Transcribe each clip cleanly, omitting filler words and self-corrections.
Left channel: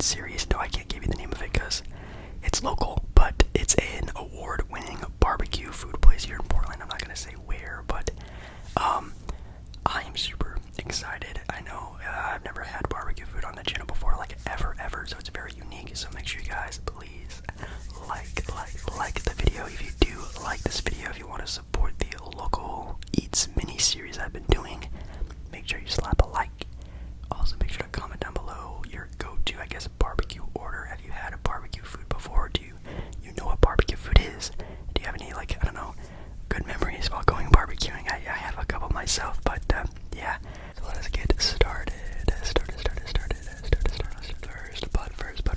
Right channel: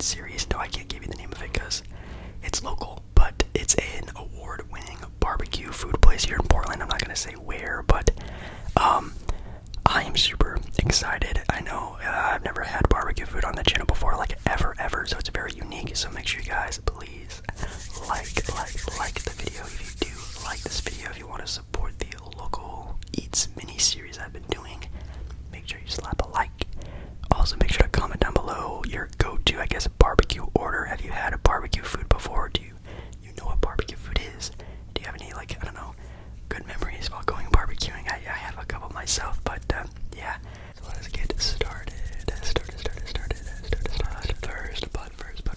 Sweet series. No, I can't give you the name of it because it's local, but it's an award-winning barbecue food place here in Portland. I'm not gonna say where, but I am super excited. I know I've never had barbecue food on the channel before, like ever, so it's very unique. So make sure you guys please like the video if you do like this video. If you want to support the local eats mini series I've been doing, make sure you slap a like. Also, make sure to comment down below your go-to, I guess, barbecue order. Have you had a barbecue food before? Do you know what barbecue food is? Do you have any, like, I don't know, good memories while going barbecuing? I have a couple myself, but yeah. So let us get started.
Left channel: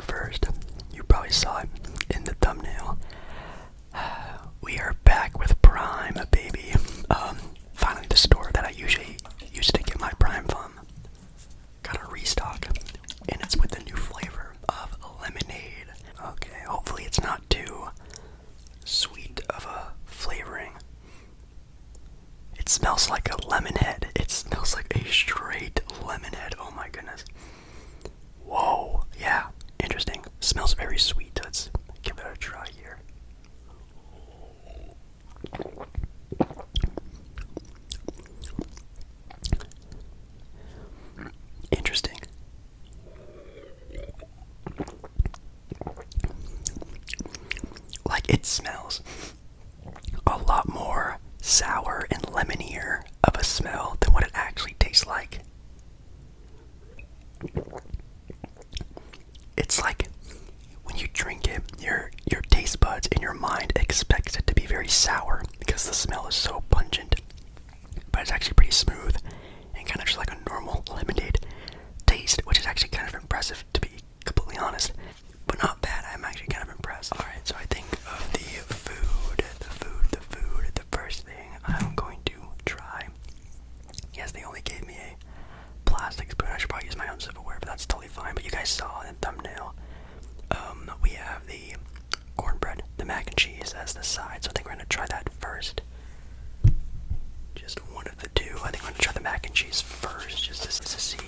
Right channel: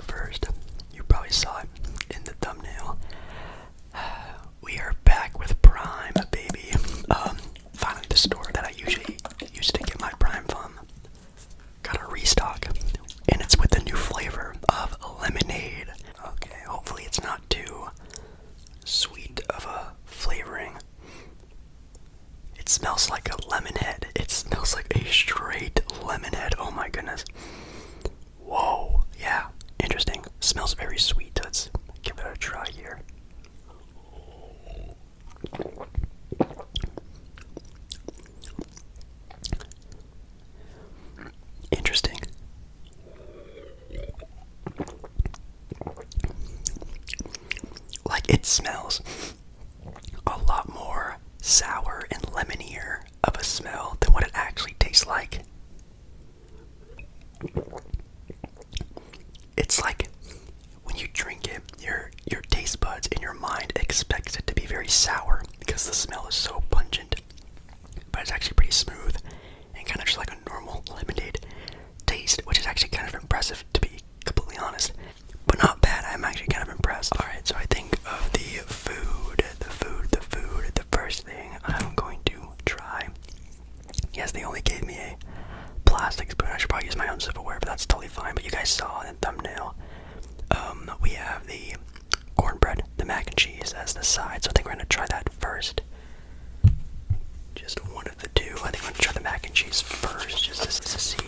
First, you probably saw it in the thumbnail. We are back with Prime, baby. Finally, the store that I usually used to get my Prime from got a restock, and it's with the new flavor of lemonade. Okay, hopefully it's not too sweet of a flavoring. It smells like a lemon head. It smells like a straight lemon head. Oh my goodness. Whoa, yeah, interesting. Smells very sweet. Let's give it a try here. Interesting. Like, it smells a lot more sour and lemonier of a smell than what it actually tastes like. It's like when you drink it, your taste buds and your mind expects it to be very sour because the smell is so pungent, but it's actually pretty smooth and kind of just like a normal lemonade taste, which is actually kind of impressive, to be completely honest, but not bad. I'm actually kind of impressed. Alright, so I think of the first thing I'm going to try. Yes, they only gave me a plastic spoon. I should probably use my own silverware, but that's totally fine. But you guys saw in the thumbnail, we have the cornbread, the mac and cheese as the side, so I think we're going to try that first. Just one of the two. I think I'm going to try the mac and cheese first, just to see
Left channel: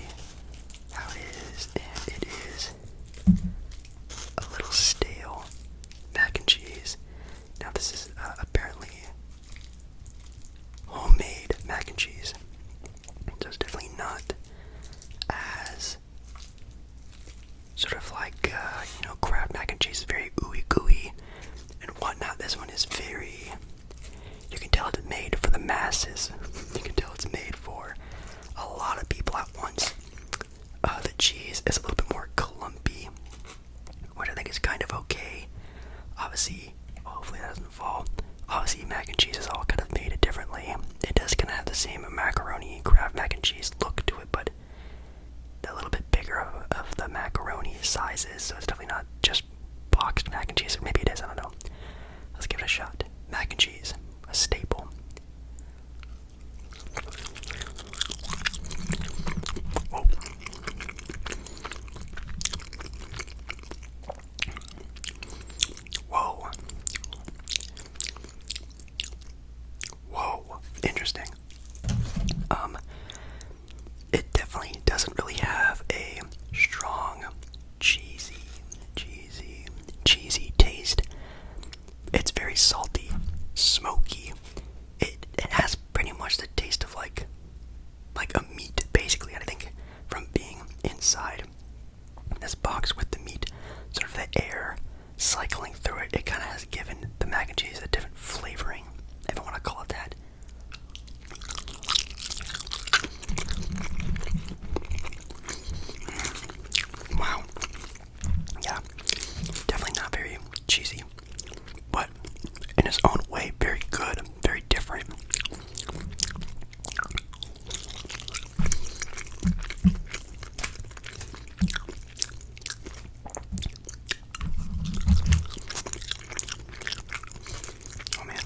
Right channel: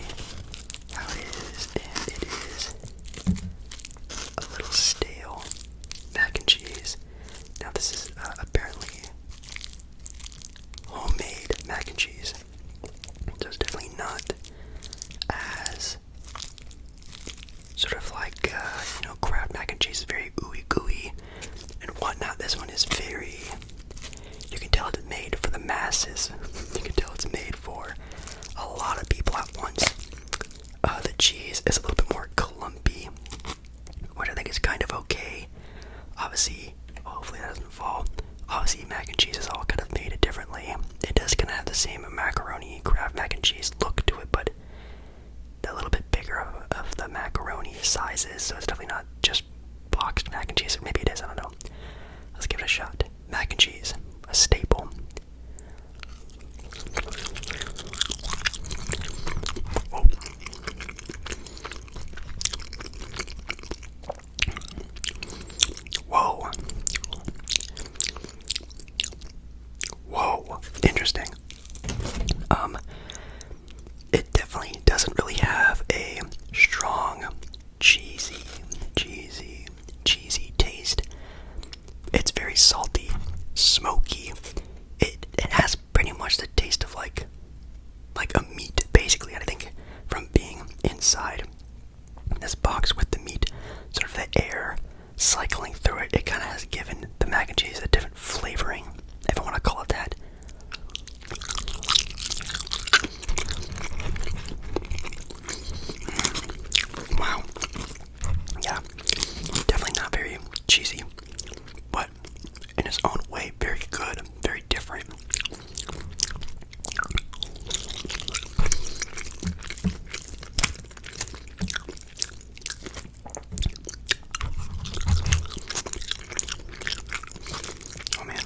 how it is, and it is a little stale mac and cheese. Now this is apparently homemade mac and cheese, so it's definitely not as sort of like, Kraft mac and cheese is very ooey gooey and whatnot. This one is very, you can tell it's made for the masses. You can tell it's made for a lot of people at once. The cheese is a little bit more clumpy, which I think is kind of okay. Obviously, hopefully that doesn't fall. Obviously, mac and cheese is all kind of made differently. It does kind of have the same macaroni Kraft mac and cheese look to it, but a little bit bigger of the macaroni sizes, so it's definitely not just boxed mac and cheese. Or maybe it is, I don't know. Let's give it a shot. Mac and cheese, a staple. Whoa. Whoa. Whoa. Interesting. It definitely doesn't really have a strong cheesy taste. It's very salty, smoky. It has pretty much the taste of like a meat, basically. I think from being inside this box with the meat, sort of the air cycling through it, it kind of has given the mac and cheese a different flavoring, if I want to call it that. Wow. Yeah, definitely not very cheesy, but in its own way, very good, very different. Oh man.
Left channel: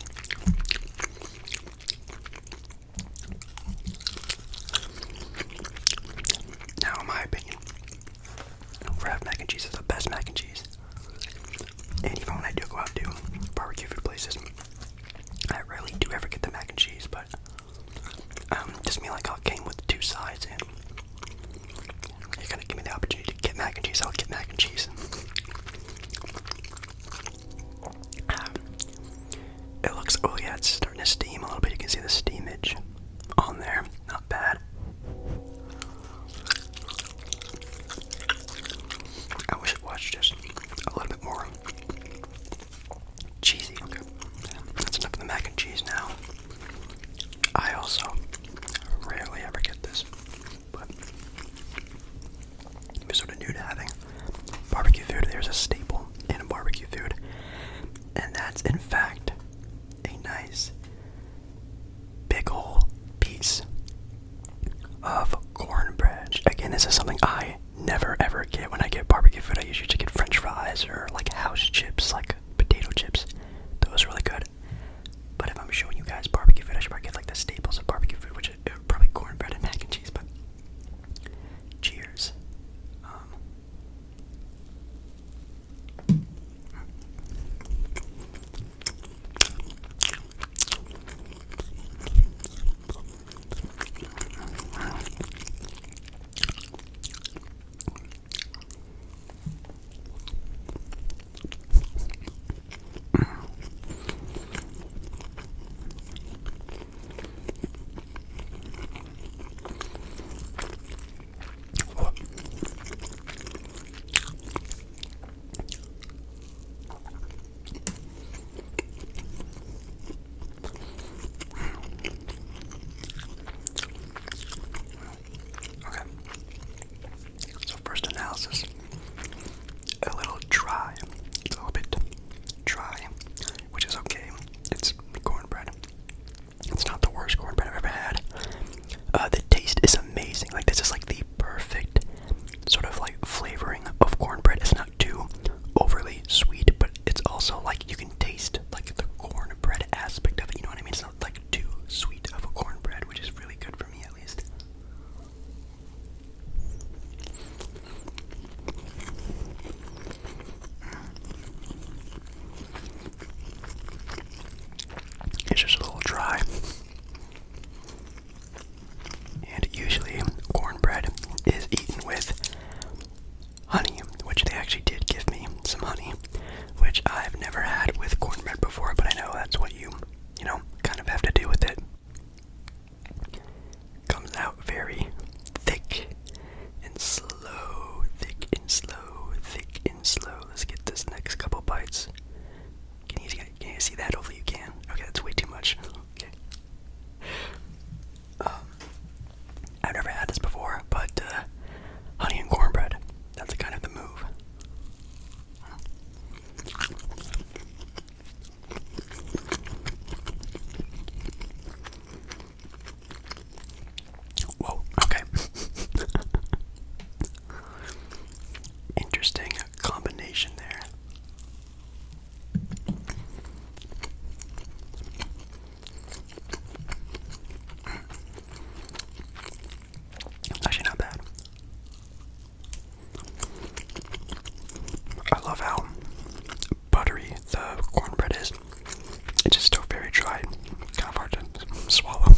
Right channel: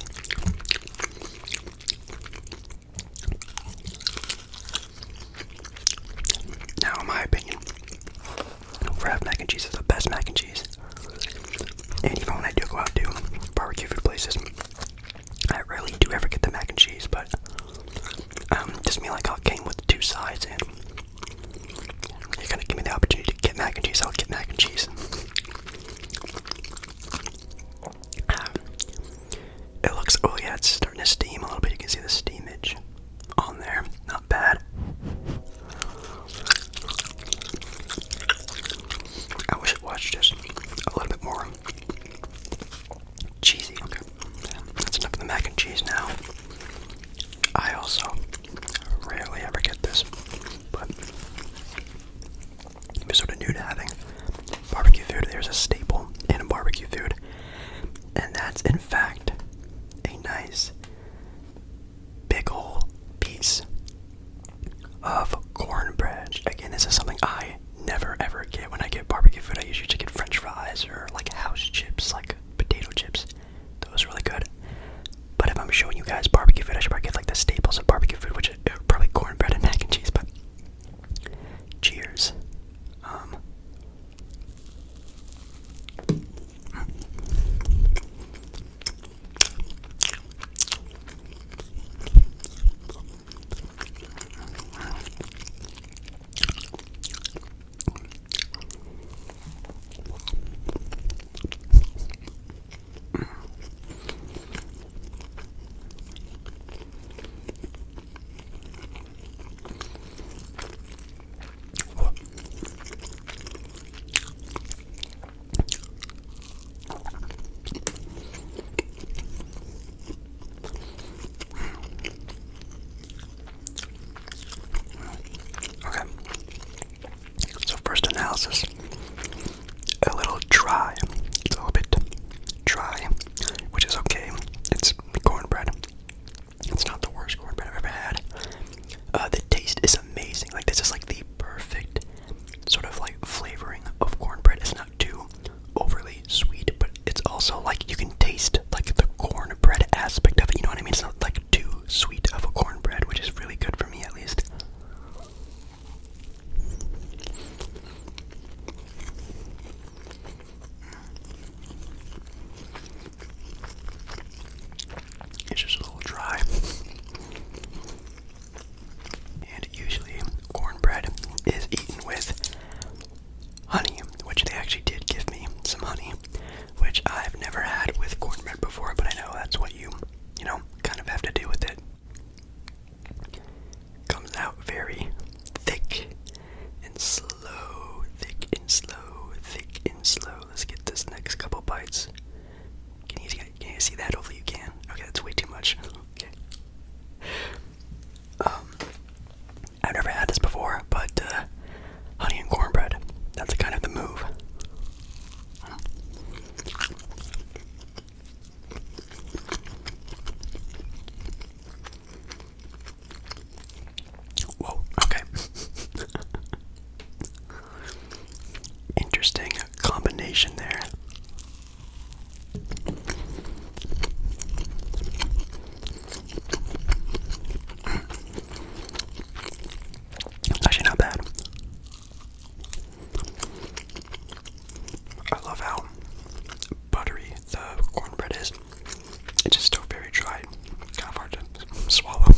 a staple in barbecue food. And that's, in fact, a nice big ol' piece of cornbread. Again, this is something I never ever get when I get barbecue food. I usually just get french fries or like house chips, like potato chips. Those are really good. But if I'm showing you guys barbecue food, I should probably get like the staples of barbecue food, which is probably cornbread and mac and cheese. But cheers. Analysis. A little dry. It's a little bit dry, which is okay. It's cornbread. It's not the worst cornbread I've ever had. The taste is amazing. Like, this is like the perfect sort of like flavoring of cornbread. It's not too overly sweet, but it's also like you can taste like the cornbread aspect of it. You know what I mean? It's not like too sweet of a cornbread, which is really good for me at least. It's just a little dry. And usually cornbread is eaten with honey, which they actually did give me some honey, which I've never had with cornbread before, but I know that's what you kind of have to do with it. Comes out very thick and slow, thick and slow, thick and slow. Let's get this next couple bites. Can you see that? Hopefully you can. Okay, that's way too much. Okay. I've never had this before, but honey and cornbread, that's kind of the move. Whoa, okay. Interesting combination there. Actually, not bad. I love how buttery the cornbread is. It's just still very dry, kind of hard to swallow.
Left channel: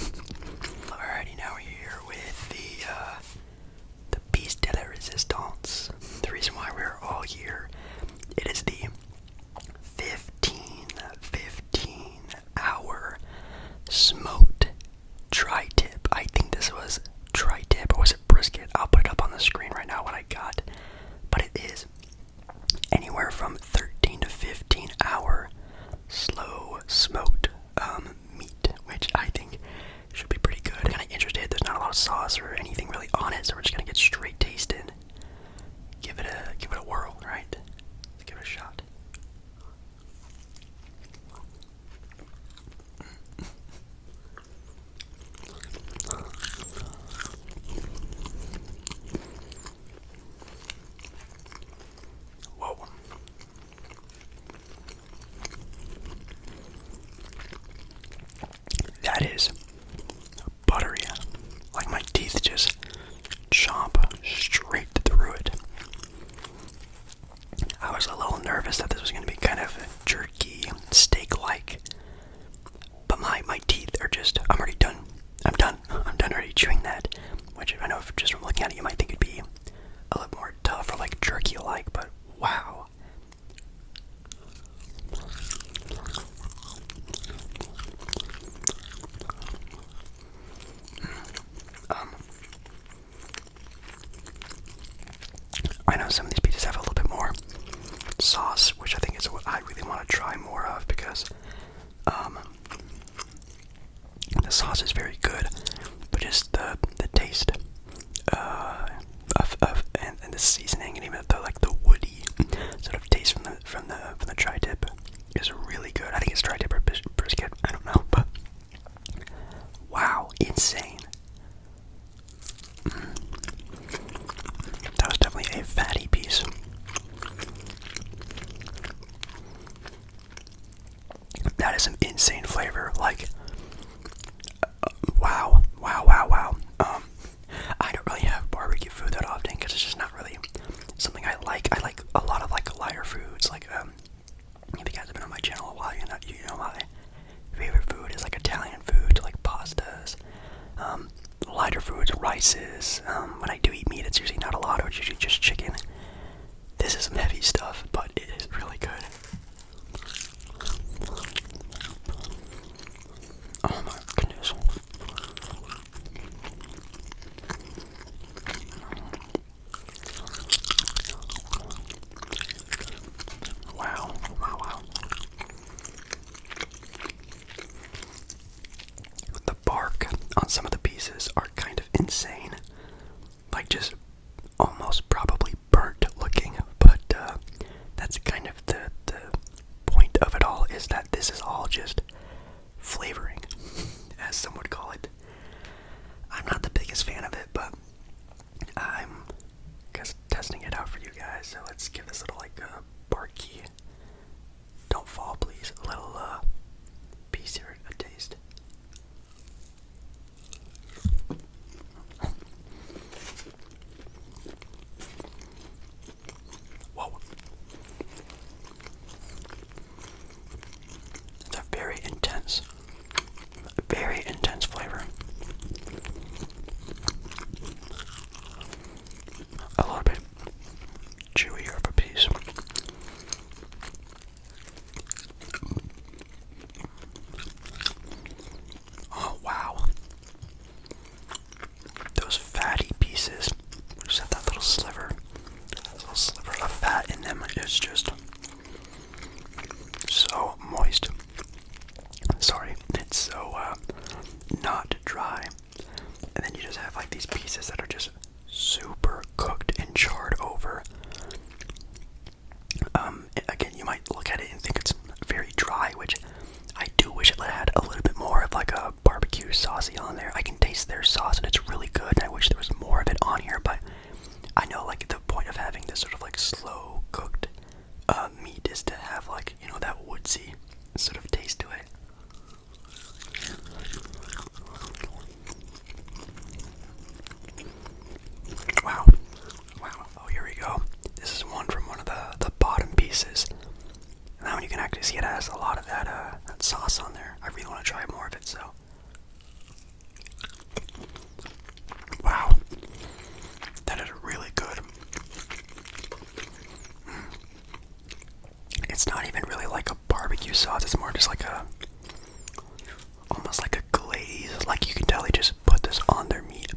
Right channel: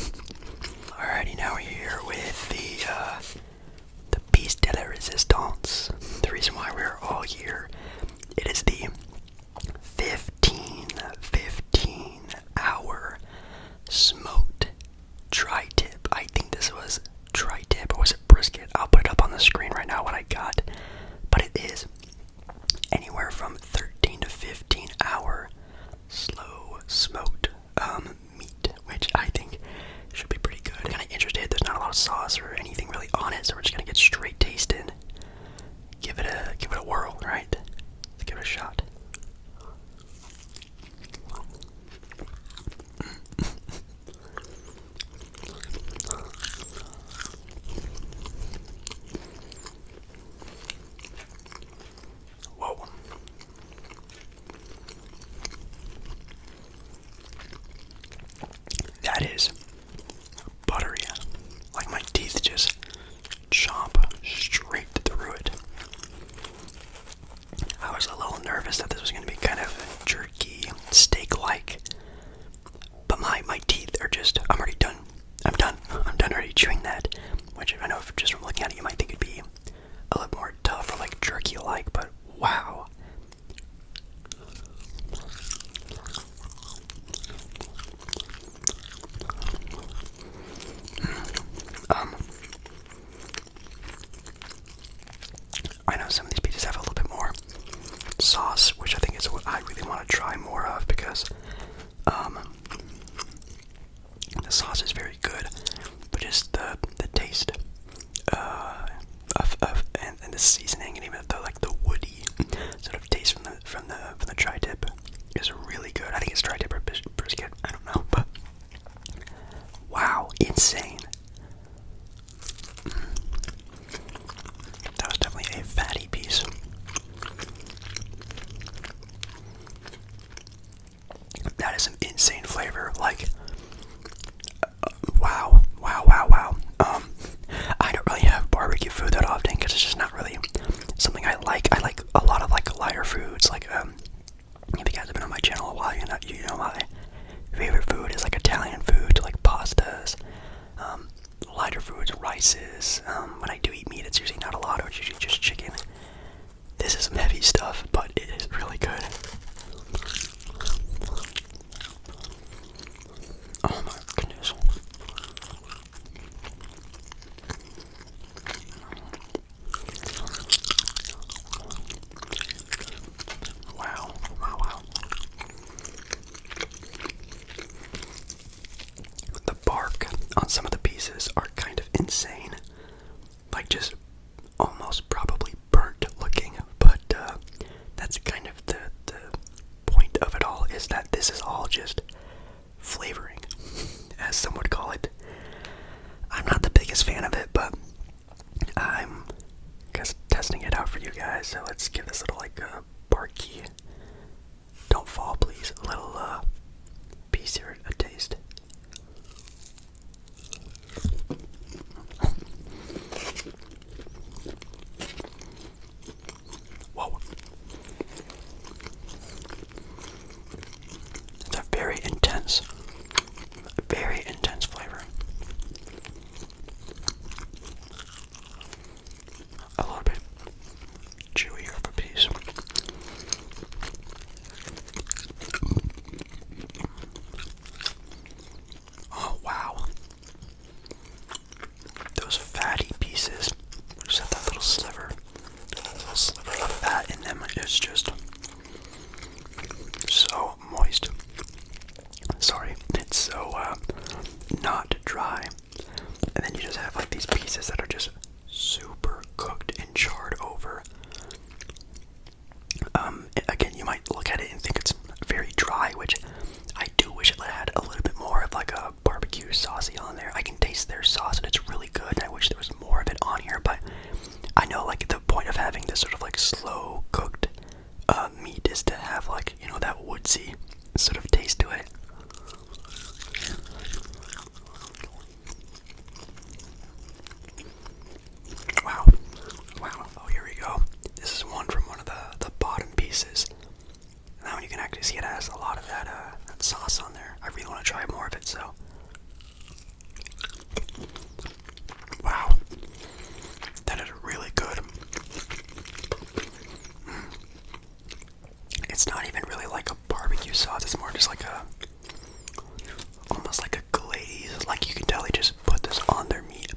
Alrighty, now we're here with the piece de la resistance. The reason why we're all here, it is the 15 hour smoked tri-tip. I think this was tri-tip, or was it brisket? I'll put it up on the screen right now what I got. But it is anywhere from 13 to 15 hour slow smoked meat, which I think should be pretty good. Kind of interested. There's not a lot of sauce or anything really on it, so we're just gonna get straight taste in. Give it a whirl, right? Let's give it a shot. Whoa. That is buttery. Like my teeth just chomp straight through it. I was a little nervous that this was going to be kind of jerky, steak-like. But my teeth are just, I'm already done. I'm done already chewing that. Which I know if just from looking at it you might think it'd be a little more tough or like jerky-like, but wow. I know some of these pizzas have a little bit more sauce, which I think is what I really want to try more of, because the sauce is very good, but just the taste of and the seasoning, and even the woody sort of taste from the tri-tip is really good. I think it's tri-tip or brisket. I don't know, but wow, insane. That was definitely a fatty piece. That is some insane flavor. Like, wow. I don't really have barbecue food that often because it's just not really something I like. I like a lot of like lighter foods. Like, if you guys have been on my channel a while, you know my favorite food is like Italian food, like pastas, lighter foods, rices. When I do eat meat, it's usually not a lot, or it's usually just chicken. This is some heavy stuff, but it is really good. Oh my goodness. Wow. The bark on some of the pieces are kind of insane. Like, just almost probably burnt looking, but that's kind of the point of it all, is that this is all just flavoring, as some would call it. I'm not the biggest fan of it, but I'm just testing it out for you guys, so let's give this little like barky, don't fall please, a little piece here a taste. Whoa. It's a very intense flavor. A little bit chewier of a piece. Oh wow. Those fatty pieces just have that little sliver of fat in them. It's just so moist. Sorry, it's so not dry. And then you just have like these pieces that are just super cooked and charred over. Again, you might look at it and think it's very dry, which I do wish it had a little bit more of like a barbecue saucy on there. I can taste their sauce and it's really good, and I wish there was more of it on here, but I know like the point of having this sort of like slow cooked meat is to have like, you know, that woodsy sort of taste to it. Wow. Oh, here we go. This is one from one of the bottom pieces. And that one you can actually see it has a lot of that sauce on there. I really want to try more of it, so. Wow. That is really good. It's not even really like a barbecue sauce. It's more just like almost like a glaze. Like, you can tell they just put this on their meat,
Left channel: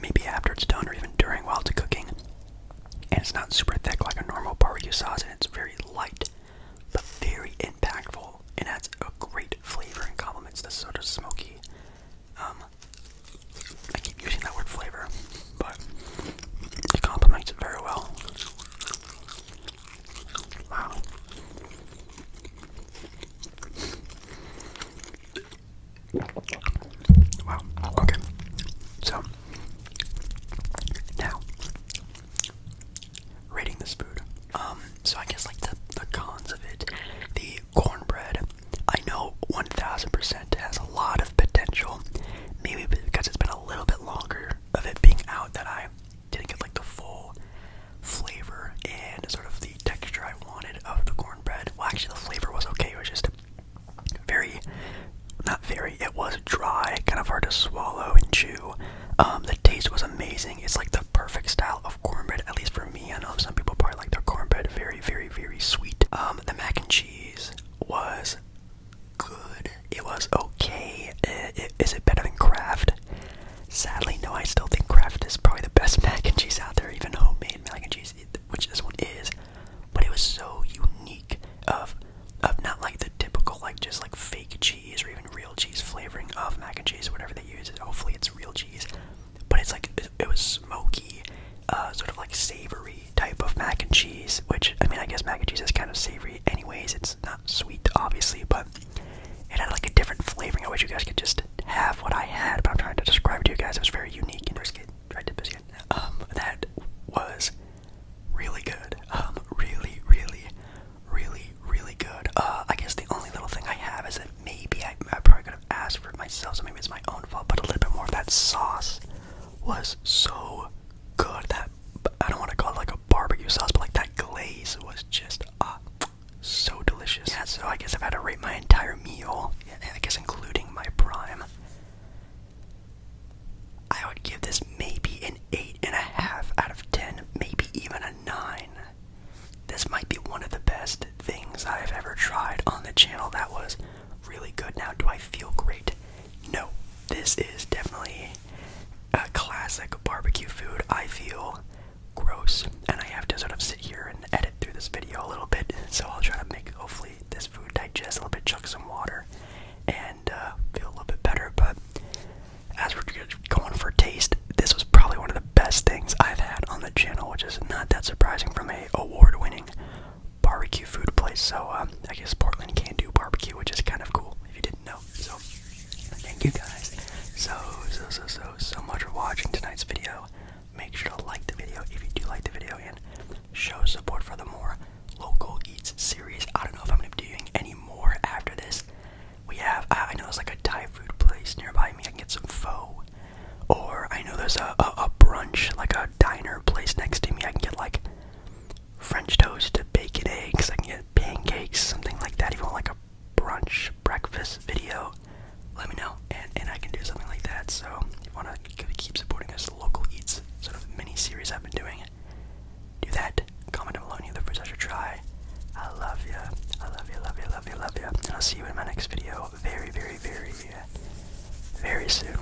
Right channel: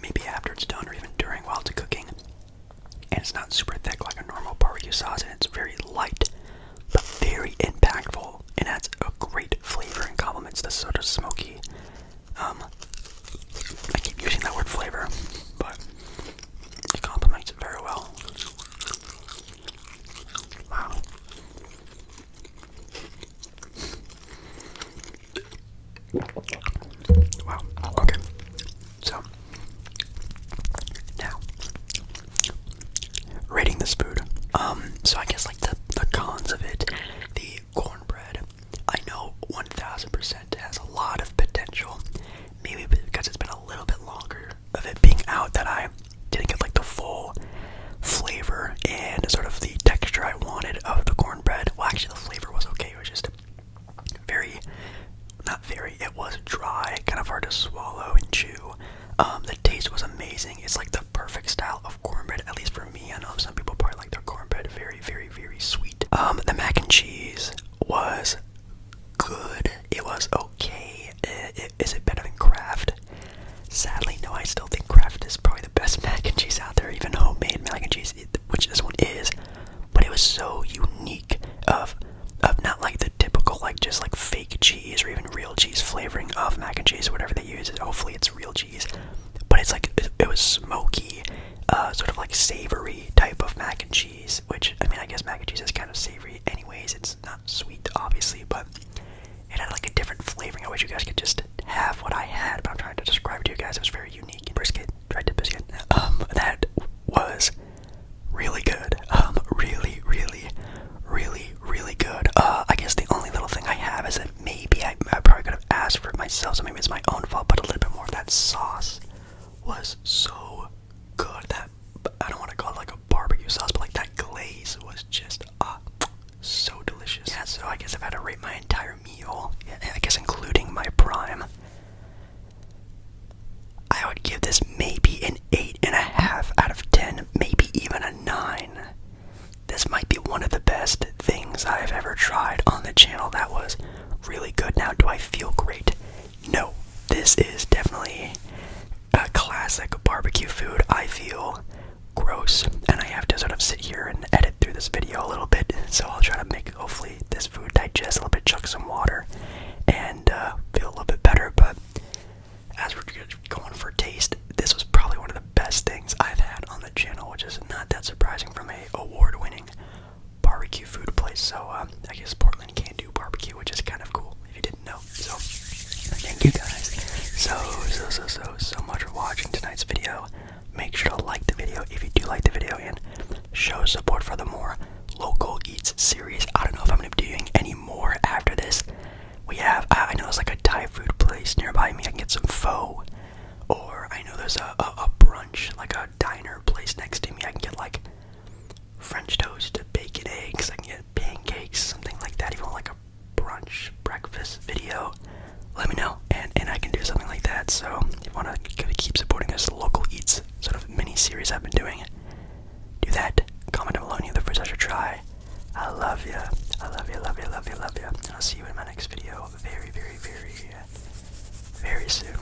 maybe after it's done or even during while it's cooking. And it's not super thick like a normal barbecue sauce, and it's very light, but very impactful, and adds a great flavor and complements this sort of smoky, I keep using that word flavor, but it complements it very well. Wow. Wow, okay. So, now, rating this food. So I guess like the cons of it, the cornbread, I know 1000% has a lot of potential. Maybe because it's been a little bit longer of it being out that I didn't get like the full flavor and sort of the texture I wanted of the cornbread. Well, actually the flavor was okay. It was just it was dry, kind of hard to swallow and chew. The taste was amazing. It's like the perfect style of cornbread, at least for me. I know some people probably like their cornbread very, very, very sweet. The mac and cheese was good. It was okay. Is it better than Kraft? Sadly, no. I still think Kraft is probably the best mac and cheese out there, even homemade mac and cheese, which this one is. But it was so unique of not like the typical like just like fake cheese or even real cheese flavoring of mac and cheese, whatever they use. Hopefully it's real cheese, but it's like it was smoky, sort of like savory type of of mac and cheese, which, I mean, I guess mac and cheese is kind of savory anyways. It's not sweet, obviously, but it had like a different flavoring. I wish you guys could just have what I had, but I'm trying to describe it to you guys. It was very unique. And brisket, tried to biscuit. That was really good. Really good. I guess the only little thing I have is that maybe I probably could have asked for it myself, so maybe it's my own fault, but a little bit more of that sauce was so good. That, I don't want to call it like a barbecue sauce, but like that glaze was just so delicious. Yeah, so I guess if I had to rate my entire meal, I guess including my prime, I would give this maybe an 8.5 out of 10, maybe even a 9. This might be one of the best things I've ever tried on the channel. That was really good. Now, do I feel great? No. This is definitely a classic barbecue food. I feel gross, and I have to sort of sit here and edit through this video a little bit, so I'll try to make, hopefully, this food digest a little bit, chug some water, and feel a little bit better. But as we're going for taste, this was probably one of the best things I've had on the channel, which is not that surprising from a award-winning barbecue food place. So I guess Portland can do barbecue, which is kind of cool if you didn't know. So thank you guys so much for watching tonight's video. Make sure to like the video if you do like the video, and show support for the more local eats series. I don't know if I'm going to be doing any more after this. We have, I know there's like a Thai food place nearby me. I can get some pho, or I know there's a brunch, like a diner place next to me. I can get like French toast, bacon, eggs. I can get pancakes, something like that. If you want like a brunch breakfast video, let me know, and I can do something like that. So if you want to keep supporting this local eats sort of mini series I've been doing, do that. Comment down below any other foods I should try. I love ya. I love ya, love ya, love ya, love ya. And I'll see you in my next video very soon.